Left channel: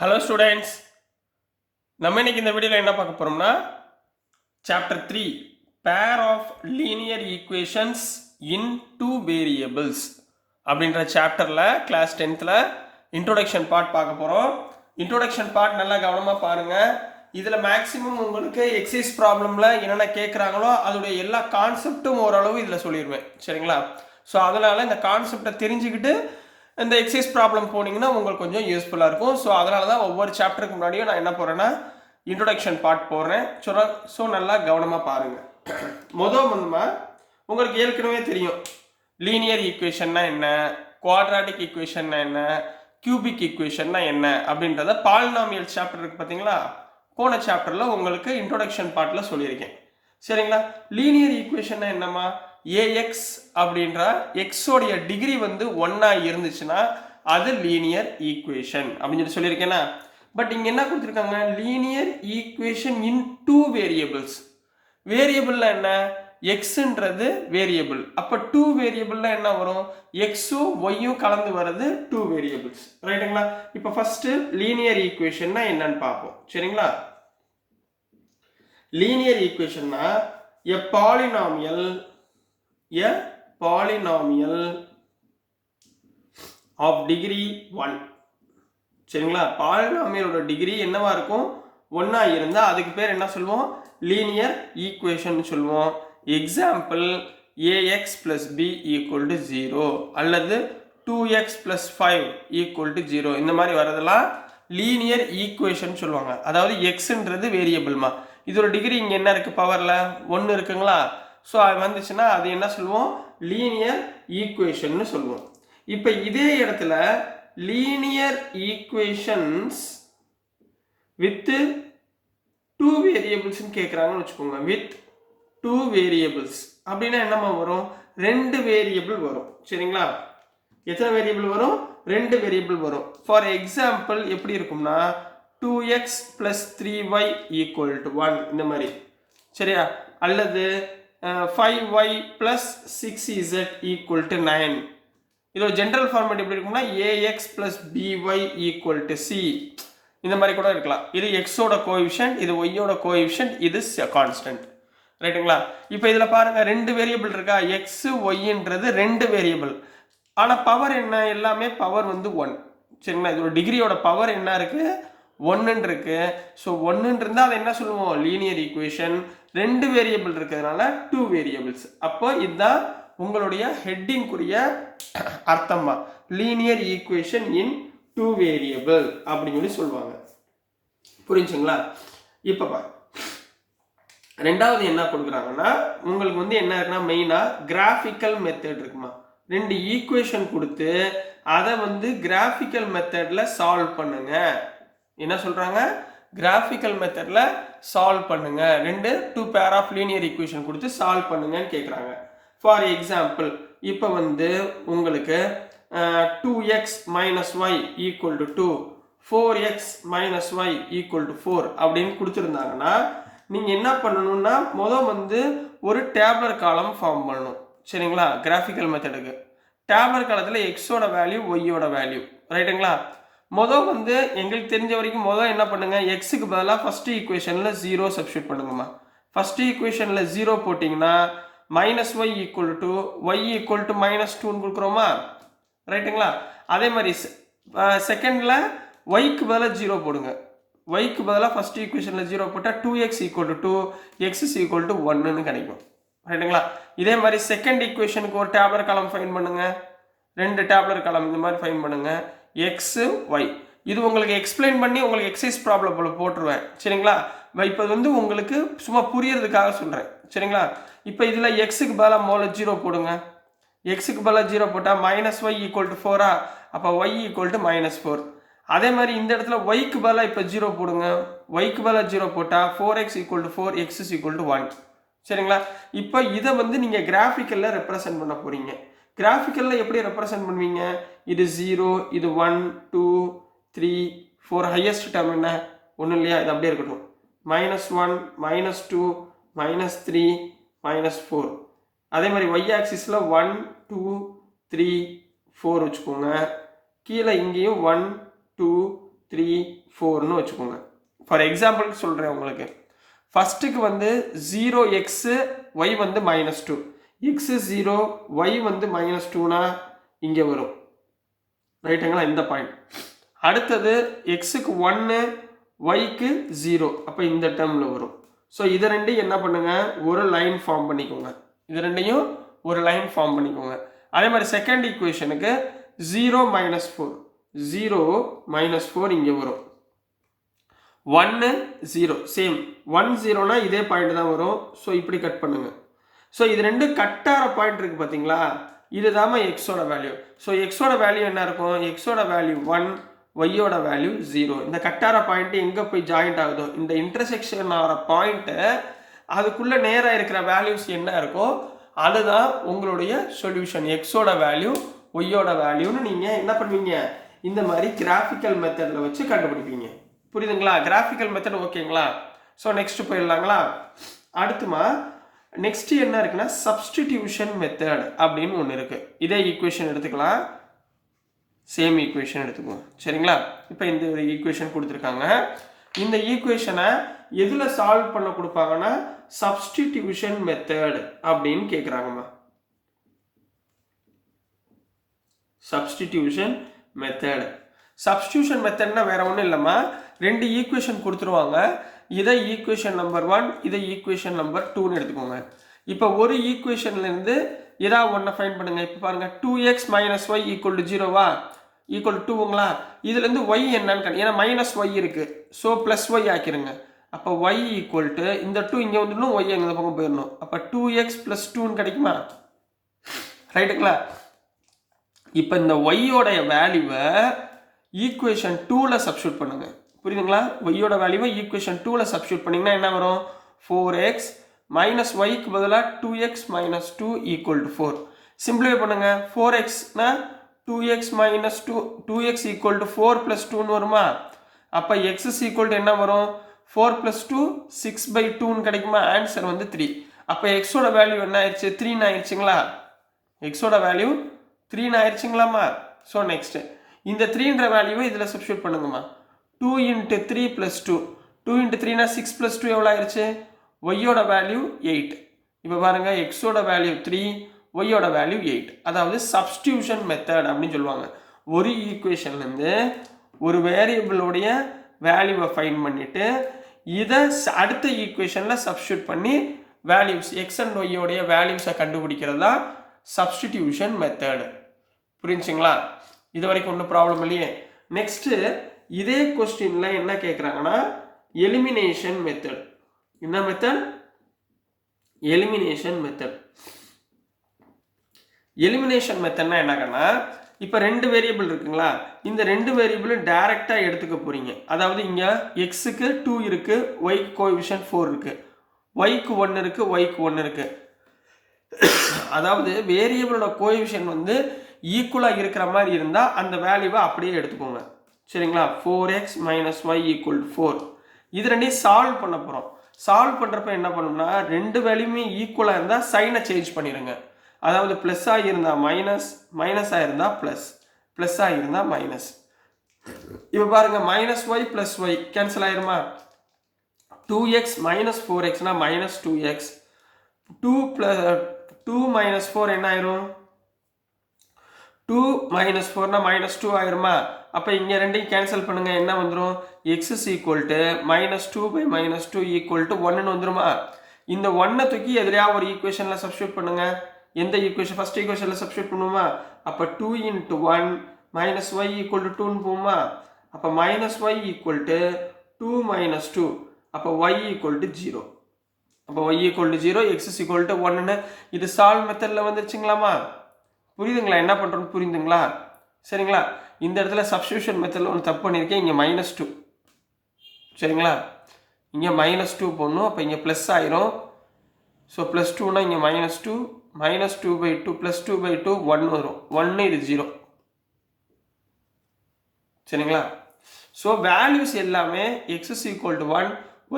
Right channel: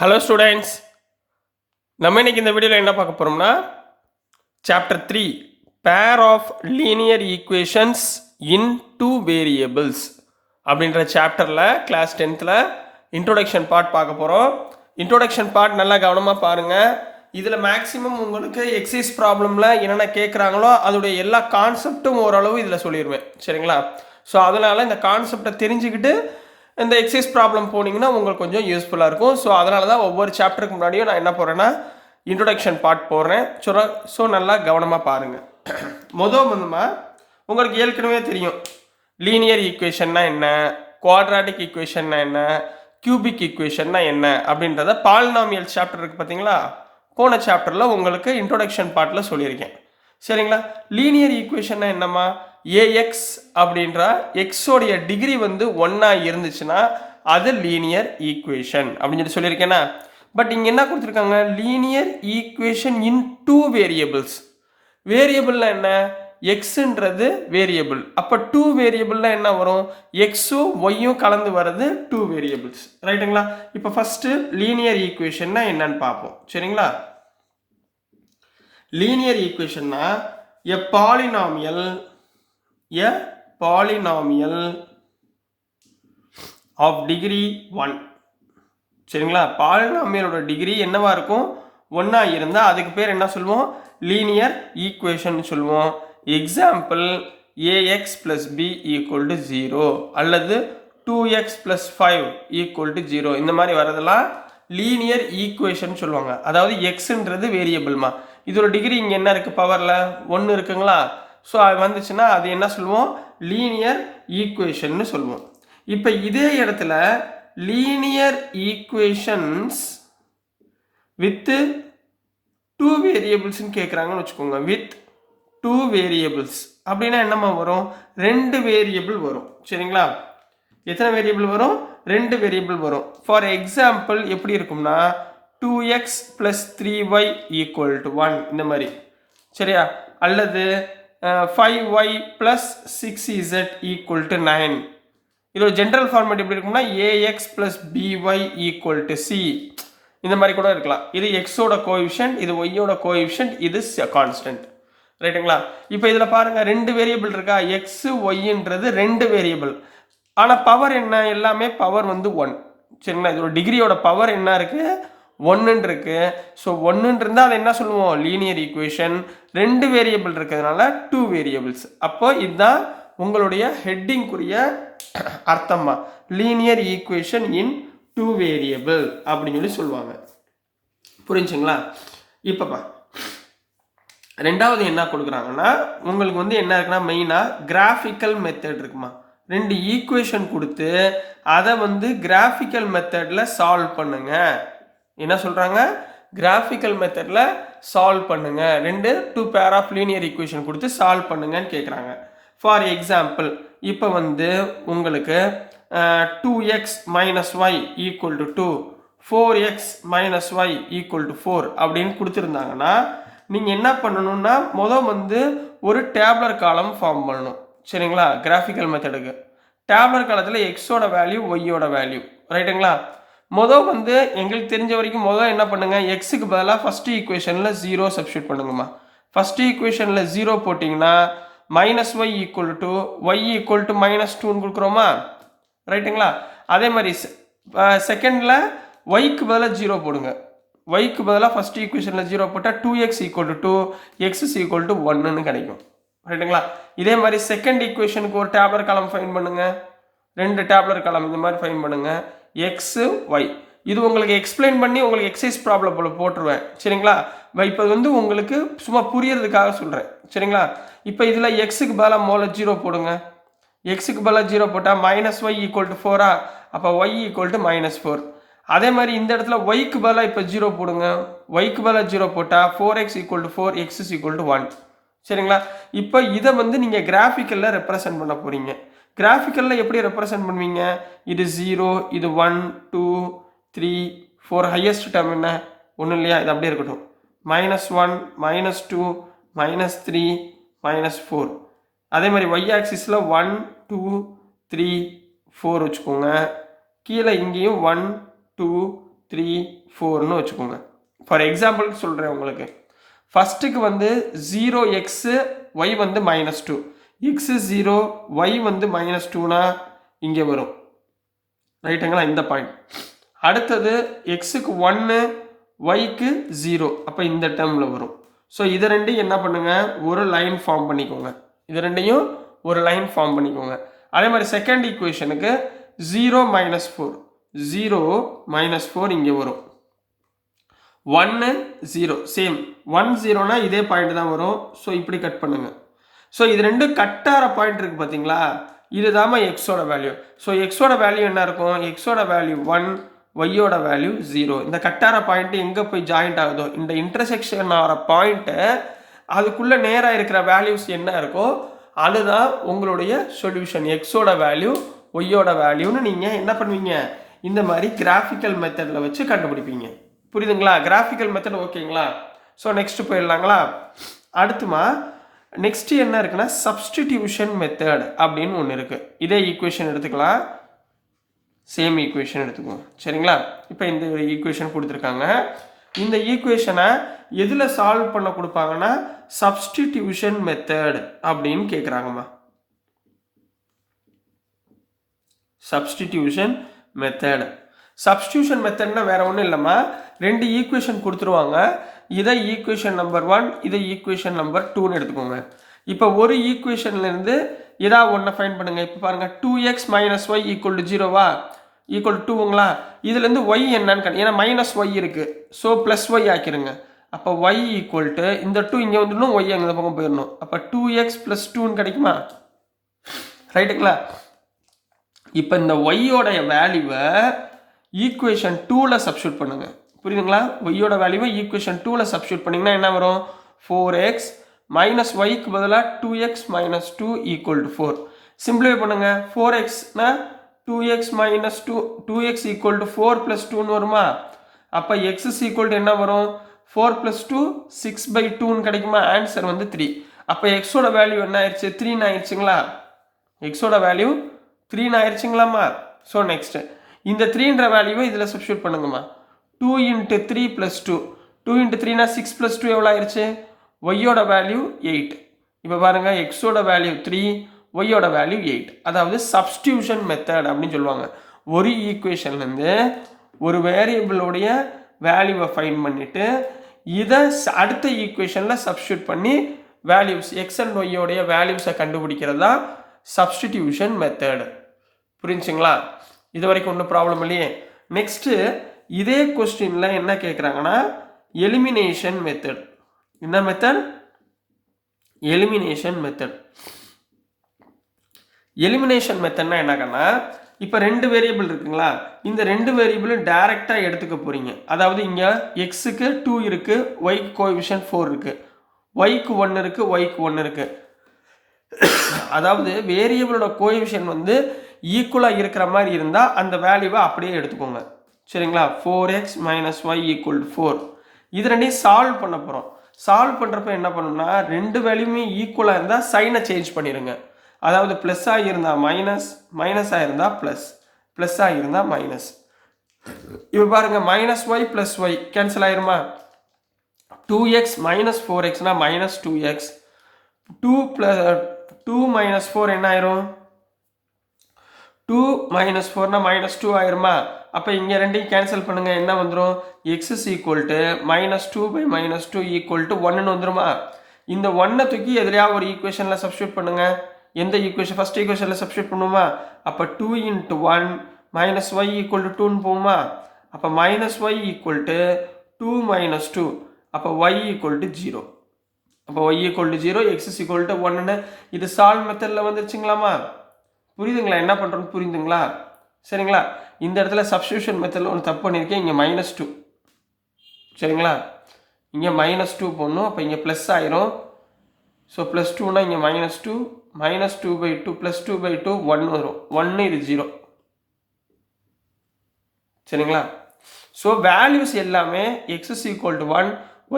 Hello students, நம்ம இன்னைக்கு இந்த வீடியோவில் என்ன பார்க்க போகிறோம்னா chapter 3 pair of linear equations in two variables அப்படின்ற சாப்டரில் கிளாஸ் 10th இன்ட்ரோடக்ஷன் பார்ட் பார்க்க போகிறோம். இன்ட்ரோடக்ஷன் பார்ட் நல்லா கவனமாக பாருங்கள். இதில் மேக்ஸிமம் உங்களுக்கு எக்ஸைஸ் ப்ராப்ளமில் என்னென்ன கேட்குறாங்களோ அதோடைய எல்லா கான்செப்டும் ஓரளவு இதில் சொல்லிடுவேன். சரிங்களா? ஸோ அதனால் இந்த கான்செப்டை தெரிஞ்சுக்கிட்டு இந்த எக்ஸைஸ் ப்ராப்ளம் போனீங்கன்னா உங்களுக்கு கொஞ்சம் யூஸ்ஃபுல்லாக இருக்கும். ஸோ அதனால தான் ஒவ்வொரு சாப்டருக்கு முன்னாடியும் நான் என்ன போகிறேன்னா இன்ட்ரொடக்ஷன் பார்ட் போடுறேன். ஸோ நல்லா கவனமாக பாருங்கள். வந்துமா உங்களுக்கு ஏற்கனவே தெரியும் லீனியர் ஈக்குவேஷன்னா என்ன, குவாட்ராட்டிக் ஈக்குவேஷன்னா என்ன, கியூபிக் ஈக்குவேஷன்னா என்ன அப்படின்றத பாலினாமியல் சாப்டர் இருக்குது பார்த்தீங்களா, போன சாப்டரில் உங்களுக்கு இன்ட்ரொடக்ஷன் பார்ட்டில் சொல்லியிருக்கேன். சரிங்களா? லீனியர் ஈக்குவேஷன்னா என்னம்மா, ஏஎக்ஸ் அப்படின்ற எக்ஸோடைய டிகிரி வந்து 1 இருந்துச்சுன்னா அது லீனியர் ஈக்குவேஷன் அப்படின்னு சொல்லியிருக்கேன்னா. பட் இங்கே என்ன கொடுத்துருக்காங்க, linear equation in two variables. வேரியபிள்னா என்ன, எக்ஸுன்றது வேரியபிள். அப்போ டூ வேரியபிள்னா என்ன வரும், எக்ஸும் ஒய்யும் கலந்து வர்றது டூ வேரியபிள்ஸ். ரைட்டுங்களா? இப்போ ஃபர்ஸ்ட் லீனியர் ஈக்குவேஷன்னா என்னன்னு பார்ப்போம். சரிங்களா? லீனியர் ஈக்குவேஷன்னா a polynomial of degree 1. சரிங்களா? பாலினாமியலோட டிகிரி என்னவா இருக்கும், 1 இருந்தால் அதுக்கு பேர் என்ன சொல்லுவோம், லீனியர் ஈக்குவேஷன் சொல்லுவோம். Example ax plus b equal to 0 அல்லது 2x plus 5 equal to 0. இந்த மாதிரி வரதெல்லாம் லீனியர் ஈக்குவேஷன் சொல்லுவாங்க. அதாவது எக்ஸ்ன்றது வேரியபிள்மா, இதோட டிகிரி இங்கே என்ன இருக்குது, பவரில் 1 இருக்குங்களா. ஸோ அது வந்துச்சுன்னா அது என்ன சொல்லுவோம், லீனியர் ஈக்குவேஷன் சொல்லுவோம். இப்போ இதே இடத்துல லீனியர் ஈக்குவேஷன்ஸ் வித் டூ வேரியபிள்ஸ்ன்னு கேட்குறாங்கன்னு வச்சுக்கோங்க. வித் டூ வேரியபிள்ஸ் அப்படின்னா என்னமா வரும், 2 வேரியபிள் வரும். சரிங்களா? எத்தனை வேரியபிள் வரும், 2 வேரியபிள் வரும். ஃபார் எக்ஸாம்பிள் எப்படி இருக்கும்னா 2x plus 3y equal to 1 இந்த மாதிரி. சரியா? அல்லது 5y plus 6z equal to 9. இதோட ஜென்ரல் ஃபார்மேட் எப்படி இருக்கும்னா ax plus by equal to c. இந்த மாதிரி கூட இருக்கலாம். இது எக்ஸோட கோஎஃபிஷியன்ட், இது ஒய்யோட கோஎஃபிஷியன்ட், இது கான்ஸ்டன்ட். ரைட்டுங்களா? இப்போ இதில் பாருங்க 2 வேரியபிள் இருக்கா, எக்ஸ் ஒய்ன்றது 2 வேரியபிள். ஆனால் பவர் என்ன, எல்லாமே பவர் வந்து 1. சரிங்களா? இதோட டிகிரியோட பவர் என்ன இருக்கு, 1 இருக்கு. ஸோ 1 இருந்தால் அது என்ன சொல்லுவோம், லீனியர் ஈக்குவேஷன். 2 வேரியபிள் இருக்கிறதுனால 2 வேரியபிள்ஸ். அப்போ இதுதான் உங்களுடைய ஹெட்டிங்குரிய அர்த்தமா, லீனியர் ஈக்குவேஷன் இன் 2 வேரியபிள் அப்படின்னு சொல்லி சொல்லுவாங்க. புரிஞ்சுங்களா? இப்போப்பா ரெண்டாவது என்ன கொடுக்குறாங்கன்னா உங்களுக்கு வந்து என்ன இருக்குன்னா மெயினாக கிராஃபிக்கல் மெத்தட் இருக்குமா. 2 ஈக்குவேஷன் கொடுத்து அதை வந்து கிராஃபிக்கல் மெத்தடில் சால்வ் பண்ணுங்க. என்ன சொல்கிறாங்க, கிராஃபிக்கல் மெத்தடில் சால்வ் பண்ணுங்க. 2 பேர் ஆஃப் லீனியர் ஈக்குவேஷன் கொடுத்து சால்வ் பண்ணுங்கன்னு கேட்குறாங்க. ஃபார் எக்ஸாம்பிள் இப்போ வந்து உங்களுக்கு 2x minus y equal to 2, 4x minus y equal to 4 அப்படின்னு கொடுத்துருந்தாங்கன்னா நீங்கள் என்ன பண்ணணும்னா வந்து ஒரு டேப்லர் காலம் ஃபார்ம் பண்ணணும். சரிங்களா? கிராஃபிக்கல் மெத்தடுக்கு டேப்லர் காலத்தில் எக்ஸோட வேல்யூ ஒய்யோட வேல்யூ. ரைட்டுங்களா? வந்து எங்களுக்கு தெரிஞ்ச வரைக்கும் என்ன பண்ணுங்க, எக்ஸுக்கு பதிலாக ஃபர்ஸ்ட் ஈக்குவேஷனில் 0 சப்ஸ்டியூட் பண்ணுங்கம்மா. ஃபர்ஸ்ட் ஈக்குவேஷனில் 0 போட்டிங்கன்னா minus y equal to y equal to -2ன்னு கொடுக்குறோமா. ரைட்டுங்களா? அதே மாதிரி செகண்டில் ஒய்க்கு பதிலாக 0 போடுங்க. ஒய்க்கு பதிலாக ஃபர்ஸ்ட் ஈக்குவேஷனில் 0 போட்டால் 2x equal to 2, x equal to 1ன்னு கிடைக்கும். ரைட்டுங்களா? இதே மாதிரி செகண்ட் ஈக்குவேஷனுக்கு ஒரு டேப்லர் காலம் ஃபைன் பண்ணுங்க, 2 டேப்லர் காலம் இந்த மாதிரி ஃபைன் பண்ணுங்க, எக்ஸு ஒய். இது உங்களுக்கு எக்ஸ்பிளைன் பண்ணி உங்களுக்கு எக்ஸைஸ் ப்ராப்ளம் போட்டுருவேன். சரிங்களா? இப்போ வந்து உங்களுக்கு சும்மா புரியறதுக்காக சொல்கிறேன். சரிங்களா? இப்போ இதில் எக்ஸுக்கு பதிலாக 0 போடுங்க. எக்ஸுக்கு பதிலாக 0 போட்டால் மைனஸ் ஒய் ஈக்குவல் டு 4. அப்போ ஒய் ஈக்குவல் டு -4. அதே மாதிரி இந்த இடத்துல ஒய்க்கு பதிலாக இப்போ 0 போடுங்க. ஒய்க்கு பதிலாக 0 போட்டால் 4x equal to 4, x equal to 1. சரிங்களா? இப்போ இதை வந்து நீங்கள் கிராஃபிக்கலில் ரெப்ரசன்ட் பண்ண போகிறீங்க. கிராஃபிக்கலில் எப்படி ரெப்ரசன்ட் பண்ணுவீங்க, இது 0, இது 1, 2, 3, 4. ஹையஸ்ட் டேர்ம் என்ன, ஒன்றும் இல்லையா, இது அப்படியே இருக்கட்டும். -1, -2, -3, -4. அதே மாதிரி y ஆக்சிஸில் 1, 2, 3, 4 வச்சுக்கோங்க. கீழே இங்கேயும் 1, 2, 3 4ன்னு வச்சுக்கோங்க. ஃபார் எக்ஸாம்பிளுக்கு சொல்கிறேன் உங்களுக்கு. ஃபஸ்ட்டுக்கு வந்து 0x y வந்து -2, x 0 y வந்து -2னா இங்கே வரும், ரைட்டுங்களா? இந்த பாயிண்ட். அடுத்தது எக்ஸுக்கு 1 yக்கு 0, அப்போ இந்த டேர்மில் வரும். ஸோ இது ரெண்டையும் என்ன பண்ணுங்க, ஒரு லைன் ஃபார்ம் பண்ணிக்கோங்க. இது ரெண்டையும் ஒரு லைன் ஃபார்ம் பண்ணிக்கோங்க. அதே மாதிரி செகண்ட் ஈக்குவேஷனுக்கு 0 -4, 0 -4 இங்கே வரும். 1 0 சேம், 1 0னா இதே பாயிண்ட் தான் வரும். ஸோ இப்படி கட் பண்ணுங்க. ஸோ இது ரெண்டும் கட்டார பாயிண்ட் இருக்குது பார்த்தீங்களா, இதுதாம எக்ஸோட வேல்யூ. ஸோ எக்ஸோட வேல்யூ என்ன இருக்கும், எக்ஸோட வேல்யூ 1, ஒய்யோட வேல்யூ 0. இந்த கட்டார பாயிண்ட்டு எங்கே போய் ஜாயிண்ட் ஆகுதோ, இந்த இன்டர்செக்ஷன் ஆகிற பாயிண்ட்டு அதுக்குள்ளே நேராக இருக்கிற வேல்யூஸ் என்ன இருக்கோ அதுதான் உங்களுடைய சொல்யூஷன். எக்ஸோட வேல்யூ ஒய்யோட வேல்யூன்னு நீங்கள் என்ன பண்ணுவீங்க, இந்த மாதிரி கிராஃபிக்கல் மெத்தடில் வச்சு கண்டுபிடிப்பீங்க. புரியுதுங்களா? கிராஃபிக்கல் மெத்தட் ஓகேங்களா? ஸோ நெக்ஸ்ட் போயிடலாங்களா? அடுத்துமா நெக்ஸ்ட் என்ன இருக்குன்னா சப்ஸ்டிடியூஷன் மெத்தட் அப்படின்னு ஒன்று இருக்குது. இதே ஈக்குவேஷன் எடுத்துக்கலாம், சேம் ஈக்குவேஷன் எடுத்துக்குவோம், சரிங்களா? இப்போ இந்த ஈக்குவேஷன் கொடுத்துருக்காங்க. இந்த ஈக்குவேஷனை எதில் சால்வ் பண்ண கொடுப்பாங்கன்னா சப்ஸ்டிடியூஷன் மெத்தட் அப்படின்னு கேட்குறாங்கம்மா. Substitution method. சப்ஸ்டிடியூஷன் மெத்தட்னா வேற ஒன்றும் இல்லைம்மா, ரெண்டு ஈக்குவேஷன் கொடுத்துருவாங்க. இதை ஈக்குவேஷன் நம்பர் 1, இதை ஈக்குவேஷன் நம்பர் 2ன்னு எடுத்துக்கோங்க. இப்போ ஒரு ஈக்குவேஷன்லேருந்து ஏதாவது ஒன்றை ஃபைன் பண்ணுங்க. இப்போ பாருங்கள், 2x - y = 0வா, ஈக்குவல் 2ங்களா? இதுலேருந்து y என்னன்னு ஏன்னா -y இருக்குது, ஸோ +y ஆக்கிருங்க. அப்போ y = இந்த 2 இங்கே வந்துடணும், y அங்கே பக்கம் போயிடணும். அப்போ 2x + 2ன்னு கிடைக்குமா, ரைட்டுங்களா? இப்போ இந்த ஒய்யோடைய வேல்யூவை ஈக்குவேஷன் 2ல் சப்ஸ்டியூட் பண்ணுங்க. புரியுதுங்களா? ஒய்யோட வேல்யூவை ஈக்குவேஷன் 2ல் சப்ஸ்டியூட் பண்ணிங்கன்னா என்ன வரும், 4x - yக்கு பதிலாக 2x - 2 = 4. சிம்பிளிஃபை பண்ணுங்க. 4xனா 2x - 2x = 4 + 2ன்னு வருமா? அப்போ x என்ன வரும், 4 + 2 6/2ன்னு கிடைக்குமா? ஆன்சர் வந்து 3. அப்போ எக்ஸோட வேல்யூ என்ன ஆயிடுச்சு, 3ன்னு ஆயிடுச்சுங்களா? எக்ஸோட வேல்யூ 3ன்னு ஆயிடுச்சுங்களாம்மா? ஸோ நெக்ஸ்ட் இந்த 3ன்ற வேல்யூவை இதில் சப்ஸ்டியூட் பண்ணுங்கம்மா. 2 × 3 + 2, 2 × 3னா 6 + 2 எவ்வளோ ஆயிடுச்சு, ஒய்யோட வேல்யூ 8. இப்போ பாருங்க, எக்ஸோட வேல்யூ 3, ஒய்யோட வேல்யூ 8. அதாவது சப்ஸ்டியூஷன் மெத்தட் அப்படின்னு சொல்லுவாங்க. ஒரு ஈக்குவேஷன்லேருந்து ஒரு வேரியபிளோடைய வேல்யூவை ஃபைன் பண்ணிவிட்டு இதை அடுத்த ஈக்குவேஷனில் சப்ஸ்டியூட் பண்ணி வேல்யூஸ் எக்ஸ் அண்ட் ஒய்யோடைய வேல்யூஸை கண்டுபிடிக்கிறது தான் சப்ஸ்டிடியூஷன் மெத்தட். புரிஞ்சுங்களா? இது வரைக்கும் ஒன்றும் ப்ராப்ளம் இல்லையே. நெக்ஸ்ட்டு இதே கொஸ்டினில் என்ன கேட்குறாங்கன்னா எலிமினேஷன் மெத்தட். என்ன மெத்தட், எலிமினேஷன் மெத்தட். எலிமினேஷன் மெத்தட்னா என்னன்னா, இப்போ 2 வேரியபிள் இருக்குங்களா, இந்த 2 வேரியபிளும் டைரெக்டாக எடுத்துக்க போகிறீங்க. அதாவது இங்கே எக்ஸுக்கு 2 இருக்குது, ஒய்க்கு கோஎஃபிஷியன்ட் 4 இருக்குது, ஒய்க்கு 1 இருக்குது, ஒய்க்கு 1 இருக்குது. அதாவது வேரியபிளோட கோஎஃபிஷியன்ட் வந்து ஈக்குவலாக இருக்கிற மாதிரி இருந்தால் அந்த வேல்யூவை அப்படியே எடுத்துக்கோங்க, சரிங்களா? 4x - y = 4. இது ரெண்டையும் சால்வ் பண்ண போகிறோம். சால்வ் பண்ணுறப்ப என்ன பண்ணணும்னா 2 வேல்யூமே ஈக்குவலாக இருந்தால் சைனை சேஞ்ச் பண்ணிடுங்க. அதாவது ப்ளஸ்ஸாக இருந்தால் மைனஸ், மைனஸாக இருந்தால் ப்ளஸ், ப்ளஸ்ஸாக இருந்தால் மைனஸ். இப்போ பாருங்கள், -y + y கேன்சல் ஆயிருமா? 2x - 4xனா -2x, 2 - 4 என்ன ஆயிரும், 2 - 4னா -2 ஆயிருமா? அப்போ இங்கே ரெண்டையும் கேன்சல் பண்ணுங்க, என்ன வந்துடும், x = -2/-2 = 1ன்னு வந்துருமா? இந்த 1 தூக்கி எதிரையா ஒரு ஈக்குவேஷனில் சப்ஸ்டியூட் பண்ணுங்க. எந்த ஈக்குவேஷன், ஃபர்ஸ்ட் ஈக்குவேஷனில் சப்ஸ்டியூட் பண்ணுமா? அப்போ 2 × 1 - y = 2ன்னு போகுமா? அப்போ -y = 2 - 2, அப்போ y = 0. அப்போ y = 0, x = 1ன்னு இது சால்வ் மெத்தடில் வந்துருச்சுங்களாமா? புரியுதுங்களா என்ன பண்ணுறோன்னு? புரியுதுங்களா? சரிங்களா? இந்த இடத்துல சப்ஸ்டியூஷன் மெத்தடில் ஒன்று தப்பு பண்ணியிருக்கேன். இங்கே -2, சரிங்களா? இங்கே -2 போடணும். அப்போ இங்கே ப்ளஸ் ஆயிரும். ஸோ +2னா இங்கே -2, -2/2 +2/2 1 வரும். 1 இது 0, சரிங்களா? ஸோ வேல்யூஸ் எல்லாமே x = 1,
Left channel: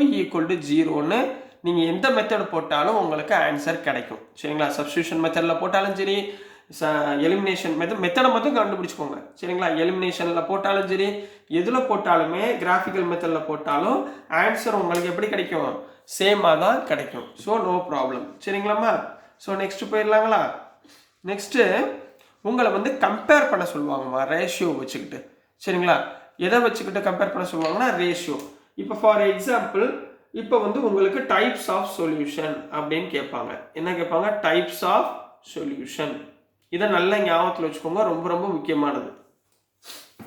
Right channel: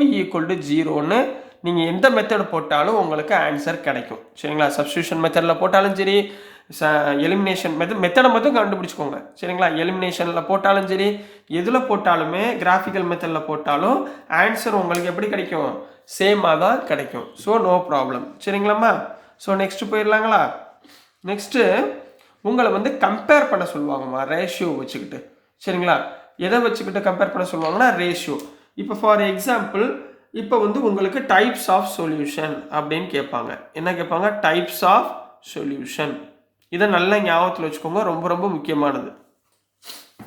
y = 0ன்னு நீங்கள் எந்த மெத்தட் போட்டாலும் உங்களுக்கு ஆன்சர் கிடைக்கும், சரிங்களா? சப்ஸ்டியூஷன் மெத்தடில் போட்டாலும் சரி, எலிமினேஷன் மெத்தடை மட்டும் கண்டுபிடிச்சிக்கோங்க சரிங்களா. எலிமினேஷனில் போட்டாலும் சரி, எதில் போட்டாலுமே கிராஃபிக்கல் மெத்தடில் போட்டாலும் ஆன்சர் உங்களுக்கு எப்படி கிடைக்கும், சேமாக தான் கிடைக்கும். ஸோ நோ ப்ராப்ளம் சரிங்களாம்மா. ஸோ நெக்ஸ்ட்டு போயிடலாங்களா. நெக்ஸ்ட்டு உங்களை வந்து கம்பேர் பண்ண சொல்லுவாங்கம்மா ரேஷியோ வச்சுக்கிட்டு சரிங்களா. எதை வச்சுக்கிட்டு கம்பேர் பண்ண சொல்லுவாங்கன்னா ரேஷியோ. இப்போ ஃபார் எக்ஸாம்பிள் இப்போ வந்து உங்களுக்கு டைப்ஸ் ஆஃப் சொல்யூஷன் அப்படின்னு கேட்பாங்க. என்ன கேட்பாங்க, டைப்ஸ் ஆஃப் சொல்யூஷன். இதை நல்லா ஞாபகத்தில் வச்சுக்கோங்க, ரொம்ப ரொம்ப முக்கியமானது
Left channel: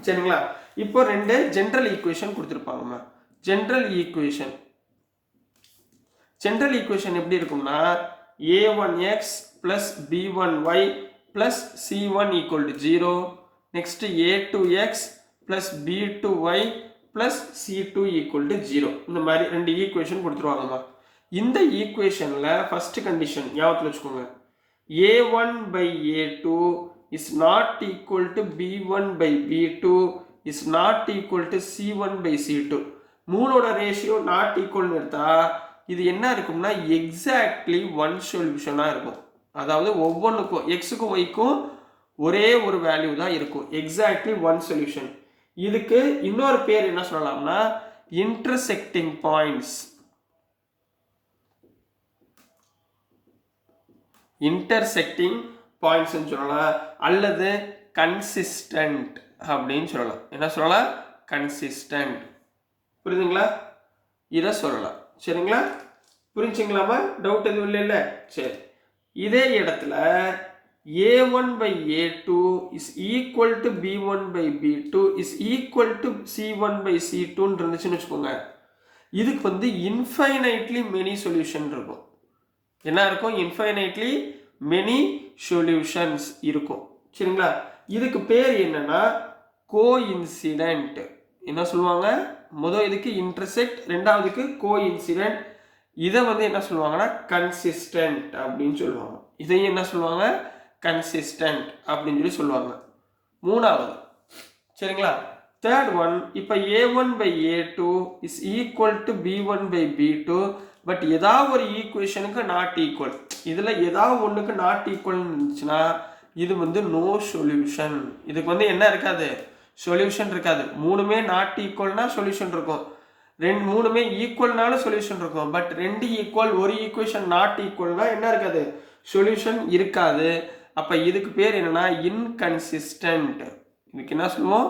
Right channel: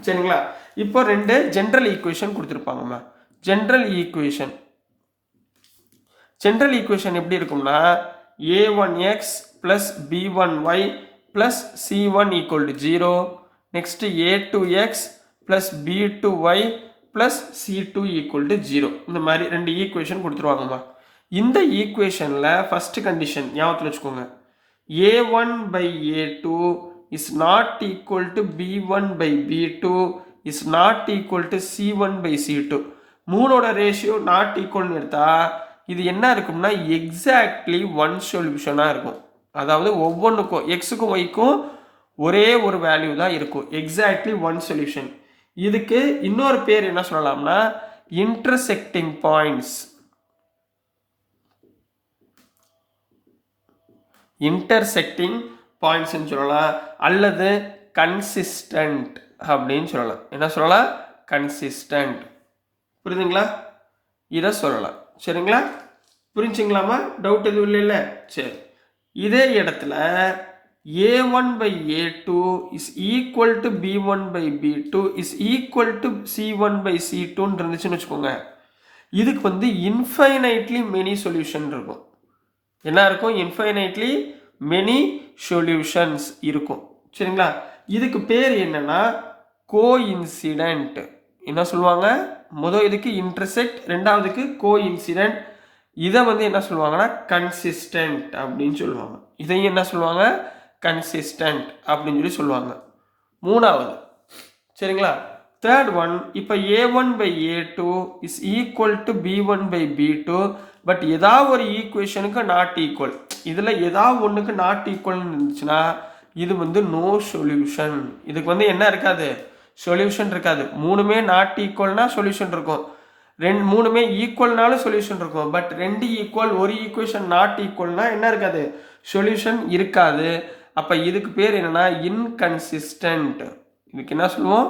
சரிங்களா. இப்போ 2 ஜென்ரல் ஈக்குவேஷன் கொடுத்துருப்பாங்கம்மா. ஜென்ரல் ஈக்குவேஷன் எப்படி இருக்கும்னா a1x plus b1y plus c1 equal to 0. next a2x plus b2y plus c2 equal to 0. இந்த மாதிரி 2 ஈக்குவேஷன் கொடுத்துருவாங்கம்மா. இந்த ஈக்குவேஷனில் ஃபர்ஸ்ட் கண்டிஷன் ஞாபகத்தில் வச்சுக்கோங்க, a1 by a2 is not equal to b1 by b2 is not equal to c1 by c2. மூணோட ratio not ஈக்குவல்னு எடுத்தா இது என்ன இருக்கும்னா எக்ஸாக்ட்லி ஒன் சொல்யூஷனாக இருக்கும். அதாவது ஒவ்வொன்றுக்கும் எக்ஸுக்கும் ஒய்க்கும் ஒரே ஒரு வேல்யூ தான் இருக்கும், எக்ஸாக்ட்லி ஒன் சொல்யூஷன். இதுக்கு இன்னொரு பேர் என்ன சொல்லலாம்னா இன்டர்செக்டிங் பாயிண்ட்ஸ். இன்டர்செக்டிங் பாயிண்ட்ஸ்ன்னு சொல்லலாம், அல்லது கன்சிஸ்டன்ட் அப்படின்னு சொல்லலாம். என்ன சொல்லலாம், கன்சிஸ்டன்ட். புரியுதுங்களா, இதை சொல்லலாம் சரிங்களா. புரிஞ்சுங்களாமா, டவுட் எதுவும் இல்லைல்ல. சரி, இதே இடத்துல a1 by a2 is equal to b1 by b2 is equal to c1 by c2 இருந்துச்சுன்னு வச்சுக்கோங்க. இதுக்கு வந்து இன்ஃபைனைட்லி மெனி சொல்யூஷன் இருக்கும். என்ன இருக்கும், இன்ஃபைனைட்லி மெனி சொல்யூஷன்ஸ் இருக்கும் சரிங்களா. இதுக்கு பேர் என்னன்னா கோஇன்சிடென்ட். என்ன சொல்லுவாங்க, முதல் இதுக்கு இன்டர்செக்ட், ரெண்டாவதுக்கு கோஇன்சிடென்ட். இதை வந்து என்ன சொல்லுவாங்கன்னா கன்சிஸ்டன்ட் அப்படின்னு சொல்லுவாங்க. இதையும் என்ன சொல்லுவாங்க, கன்சிஸ்டன்ட் அப்படின்னு சொல்லி சொல்லுவாங்க. மூணாவது சரிங்களா. தேர்ட் ஒன், இப்போ a1 by a2 is equal to b1 by b2 but ஏதாவது ஒரு ஈக்குவேஷனுக்கு நாட் ஈக்குவல். இதில் ஏதாவது ஒன்றுக்கு நாட் ஈக்குவல்னு இருந்துச்சுன்னா இது வந்து நோ சொல்யூஷன். இதுக்கு வந்து என்ன இருக்காது, சொல்யூஷன் இருக்காது. மூணுமே நாட் ஈக்குவல்னா சொல்யூஷன் இருக்கும், மூணுமே ஈக்குவல்னாலும் சொல்யூஷன் இருக்கும். பட் 2 ஈக்குவல், ஒரு ஈக்குவேஷன் நாட் ஈக்குவல்னா என்ன இருக்காது, சொல்யூஷன் இருக்காது. அப்போ இதுக்கு பேர் என்னன்னா இன்கன்சிஸ்டன்ட். இதுக்கு என்ன சொல்லுவோம்,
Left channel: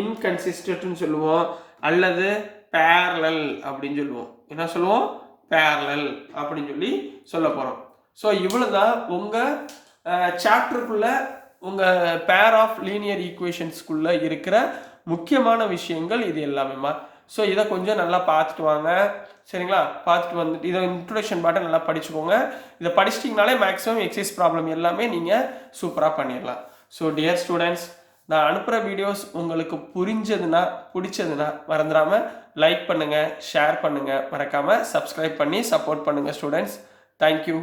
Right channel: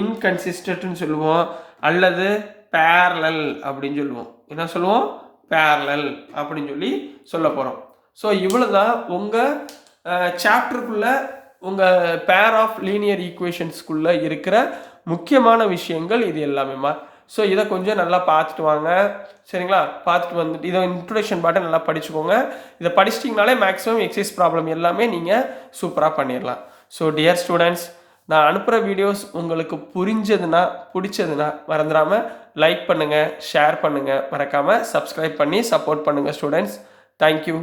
இன்கன்சிஸ்டன்ட்னு சொல்லுவோம், அல்லது பேரலல் அப்படின்னு சொல்லுவோம். என்ன சொல்லுவோம், பேரலல் அப்படின்னு சொல்லி சொல்ல போகிறோம். ஸோ இவ்வளோதான் உங்கள் சாப்டருக்குள்ளே உங்கள் பேர் ஆஃப் லீனியர் ஈக்குவேஷன்ஸ்குள்ளே இருக்கிற முக்கியமான விஷயங்கள் இது எல்லாமேம்மா. ஸோ இதை கொஞ்சம் நல்லா பார்த்துட்டு வாங்க சரிங்களா. பார்த்துட்டு வந்துட்டு இதை இன்ட்ரோடக்ஷன் பாட்டை நல்லா படிச்சுக்கோங்க. இதை படிச்சிட்டிங்கனாலே மேக்ஸிமம் எக்ஸசைஸ் ப்ராப்ளம் எல்லாமே நீங்கள் சூப்பராக பண்ணிடலாம். ஸோ டியர் ஸ்டூடெண்ட்ஸ், நான் அனுப்புகிற வீடியோஸ் உங்களுக்கு பிடிச்சதுன்னா மறந்துடாமல் லைக் பண்ணுங்கள், ஷேர் பண்ணுங்கள், மறக்காமல் சப்ஸ்கிரைப் பண்ணி சப்போர்ட் பண்ணுங்கள் ஸ்டூடெண்ட்ஸ். தேங்க்யூ.